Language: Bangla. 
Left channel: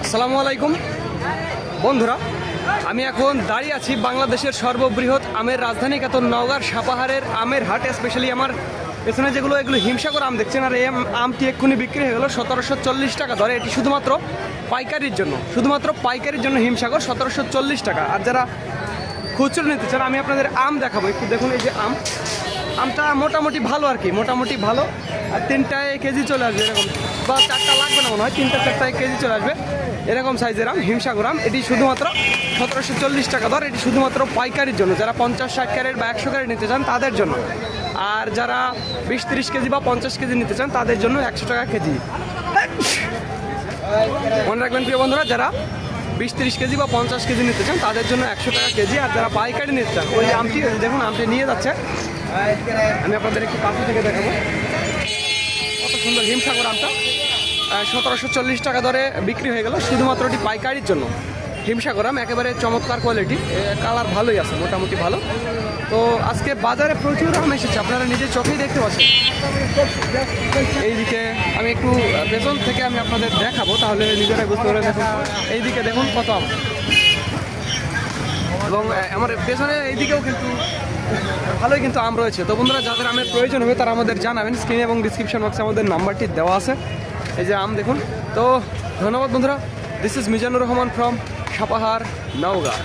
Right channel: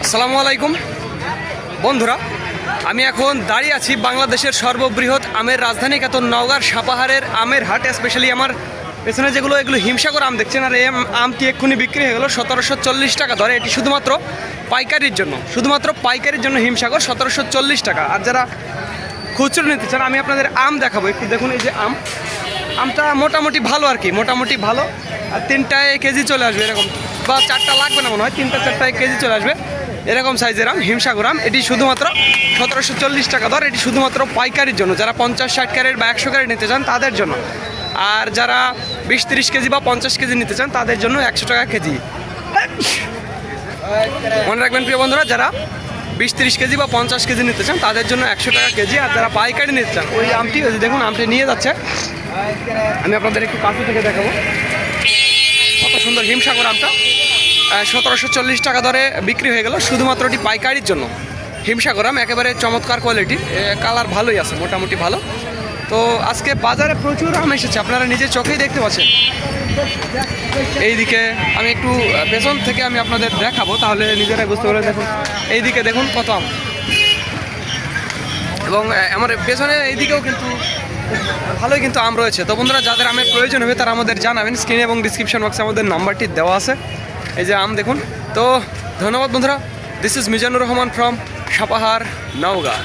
আসসালামু আলাইকুম। বন্ধুরা, আমি এখন দাঁড়িয়ে আছি বাংলাদেশের সর্ববৃহৎ আমের রাজধানী খ্যাত নওগাঁর সাপাহারের আমের হাট স্পেশালি আমার পেছনে যেগুলো, এগুলো হিমসাগর আম দেখছেন, আর এই আম- আমটি এক্ষুনি বিক্রি হয়ে গেলো সতেরোশো চল্লিশ টাকা ধরে এটি শুধুমাত্র পাইকারির জন্য, শুধুমাত্র পাইকারির জন্য হিমসাগর সতেরোশো চল্লিশ টাকা। আর যারা খুচরো নিতে চান, আমি আপনাদের আম দেখাবো। একটু দেখুন এই যে আম। আমটা মোটামুটি ভালো আর কি, মোটামুটি ভালো। আর তিনটায় কেজি চলে আসবে এরকম। বা চারটা লাগবে না মনে হয়, তিনটা চারটায় কেজি চলে আসবে। এরকম সাইজের আম, হিমসাগর আম। এটি শুধুমাত্র সতেরোশো চল্লিশ টাকা দর। এটি শুধুমাত্র পাইকারির জন্য। যারা পঞ্চাশ, ষাট ক্যারেট বা একশো ক্যারেট নিতে চান, তাদের জন্য। আর যারা বিশ, তিরিশ কেজি বা পঞ্চাশ কেজি নিতে চান, তাদের জন্য একশো টাকা কেজি। মনে রাখবেন প্রিয় বন্ধুরা, যারা বিশ তিরিশ কেজি বা পঞ্চাশ কেজি নিতে চান, তাদের জন্য একশো টাকা কেজি, আর যারা পাইকারি নিতে চান, ওই আমটি দেখুন, আমটি নিয়ে যাচ্ছে। আমি আপনাদের একটু কাছে থেকে দেখাবো। কত সুন্দর হিমসাগর আমটা। সতেরোশো চল্লিশ টাকা দরে বিক্রি হয়ে গেল, শুধুমাত্র এটি পাইকারির জন্য। হিমসাগর আম, একেবারে চমৎকার কোয়ালিটি কালার ভালোই আছে, মোটামুটি ভালো। তো আজকে বাজারে প্রচুর আম এসেছে, আপনারা নিজের চোখেই দেখতে পাচ্ছেন। এইদিকে আমি একটু পেছন থেকে আমি আপনাদের দেখাবো, তাহলে নিজেরাই বুঝতে পারবেন, দেখুন। এইদিকে দেখুন কত আম। এবং আমার পেছনে এইদিকেও কিন্তু ভালোই কিন্তু আম রয়েছে। তো বন্ধুরা, যাদের আমের প্রয়োজন হবে, তারা আমাদের জানাবেন স্ক্রিনে এবং ডিসক্রিপশন বক্সে আমাদের নাম্বারটি দেওয়া আছে। এই যে আম, দেখুন। তো ধন্যবাদ বন্ধুরা। This is Mizanur Rahman from Sapahar, Naogaon.